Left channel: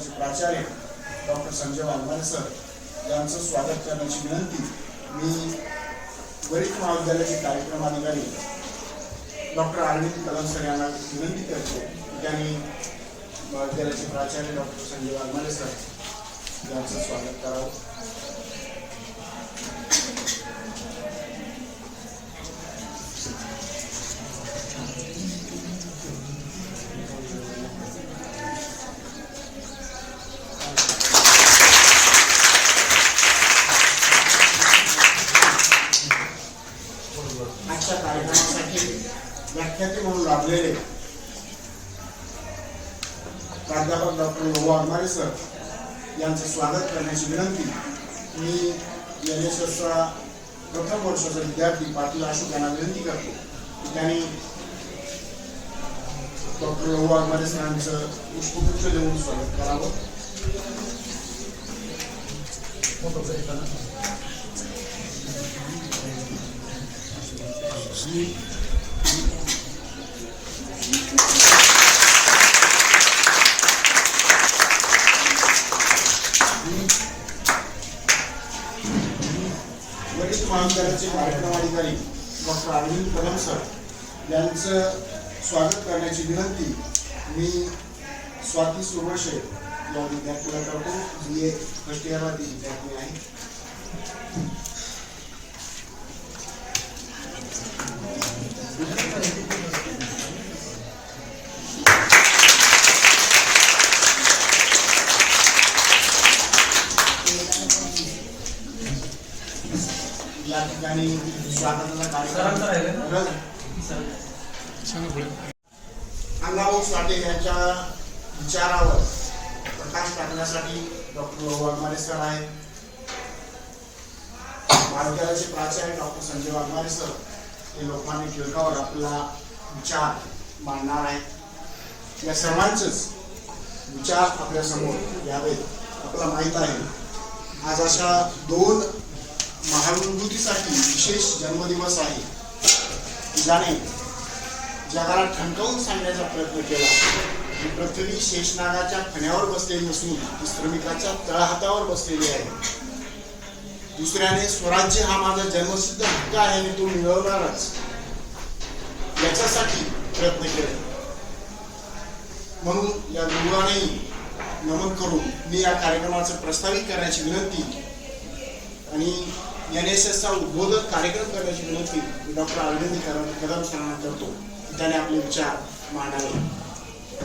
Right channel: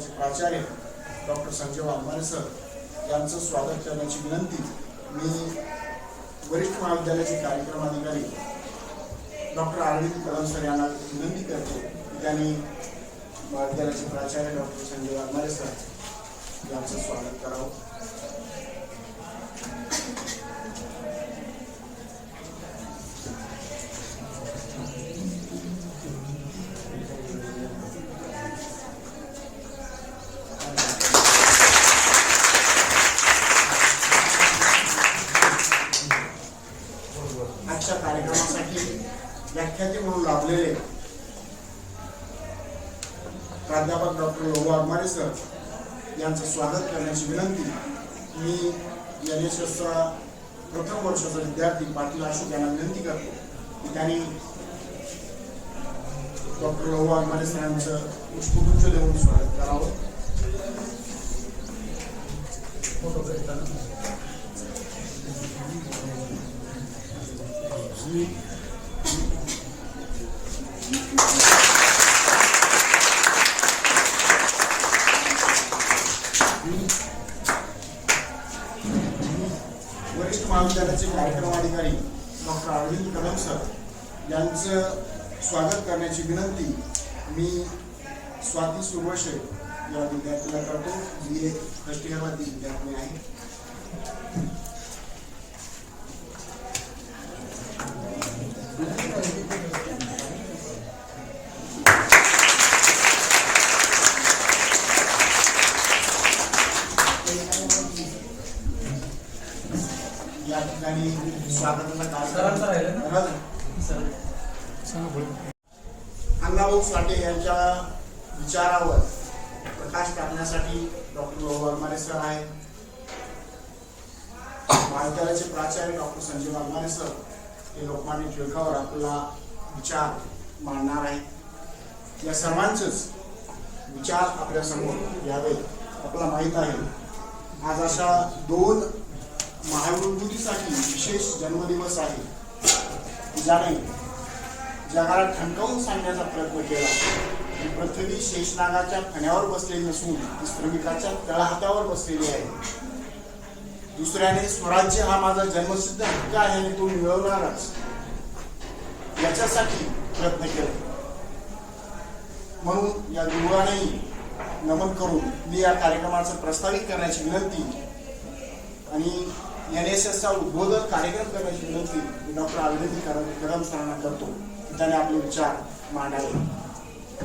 महाविद्यालयाचे प्राचार्य doctor Sanjay Waghmare sir यांचं स्वागत करण्याची विनंती. मी वरिष्ठ महाविद्यालयाचे कार्यक्रम अधिकारी डॉक्टर अरविंद कदम सर यांना विनंती करतो त्यांनी महाविद्यालयाचे प्राचार्य डॉक्टर संजय वाघमारे सर यांचं स्वागत करावं. कार्यक्रमासाठी व्याख्याते म्हणून लाभलेले. प्राध्यापक डॉक्टर लोहो आगमारे सर यांचं स्वागत करण्याची विनंती. मी एन एस एसचा प्रथम वर्षाचा विद्यार्थी पाटील अशोक यांना विनंती करतो. त्यांनी डॉक्टर लोबो आगमारे सरांचं पुष्पगुच्छ देऊन स्वागत करावं. वरिष्ठ महाविद्यालयाचे कार्यक्रम अधिकारी डॉक्टर अरविंद कदम सर यांचं स्वागत करण्याची विनंती मी स्वाती सुरवशे या विद्यार्थीला करतो जी एक फर्स्ट इयरमधली विद्यार्थी आहे. या ठिकाणी अण्णाभाऊ साठे यांच्या विचारावर प्रकाश टाकण्यासाठी डॉक्टर वाघमारे सर आहेत. महाविद्यालयाचे प्राचार्य डॉक्टर संजय वाघमारे सर हे लोकमान्य टिळकावर आपला विचार मांडणार आहेत. या सर्वांचेच विचार आपल्यासमोर घ्यावेत आपल्याला माहीत आहे. आज अशा दोन महानुभूतीसाठी विशेष जन्मदिवस आहे. जाणे. जगाला ठणकावून सांगण्याचा प्रयत्न केला. ही पृथ्वी शेषनागाच्या फण्यावर बसलेली नसून श्रमिकाच्या तळहातावर बसलेली आहे. दुसऱ्याने स्वराज्य हा माझा जन्मसिद्ध हक्क आहे आणि तो मिळवणारच. याच्यासाठी प्रयत्न केले. म्हणून या दुर्गानेही नमन करून मी या कार्यक्रमाचं प्रस्तावित करण्याची विनंती आणि एन एस एसचा उद्बोधक कार्यक्रम करण्याची विनंती डॉक्टर अरविंद कदम सरांना करतो. त्याने आपले विचार मांडावे.